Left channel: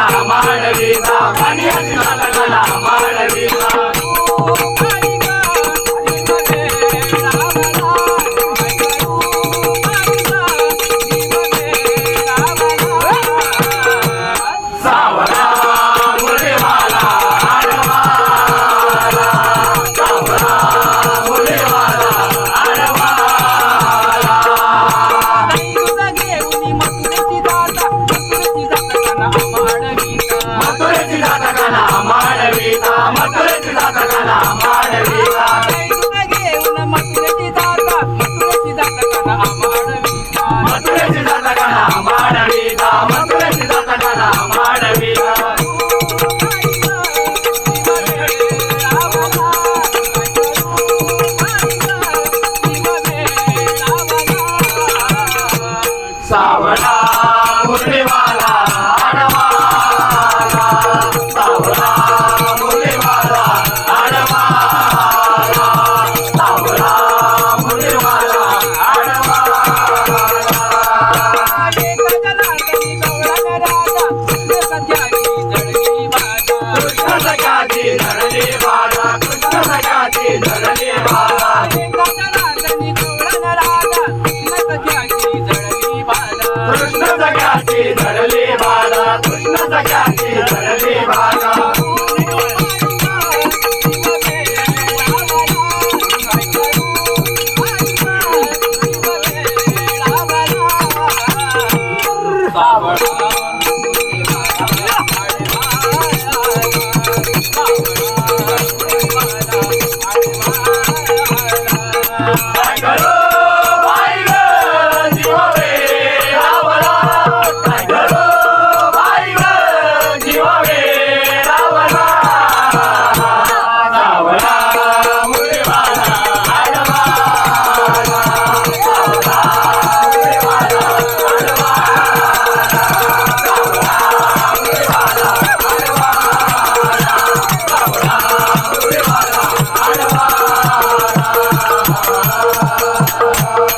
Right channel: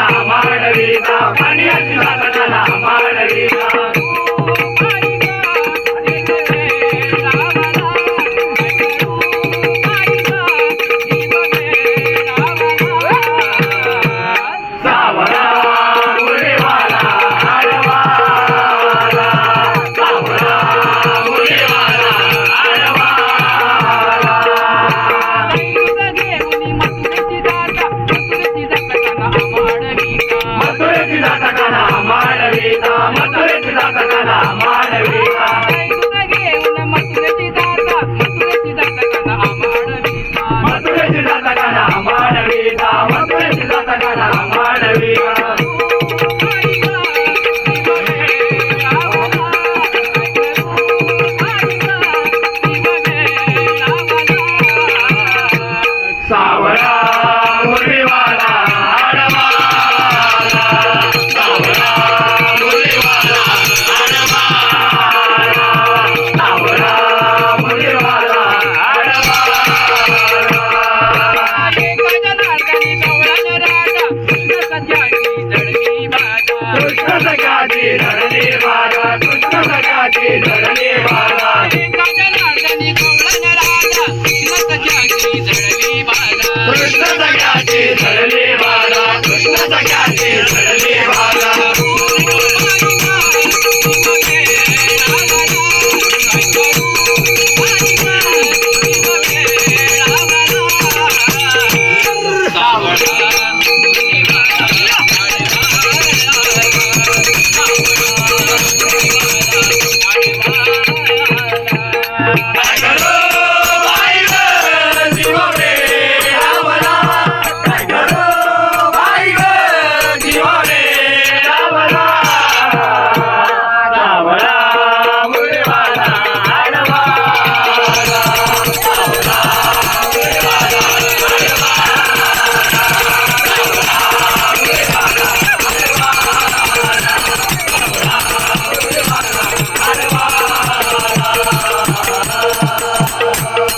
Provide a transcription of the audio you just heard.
कला मांडवीचा पाणी अशी झाला कला मांडवीचा Por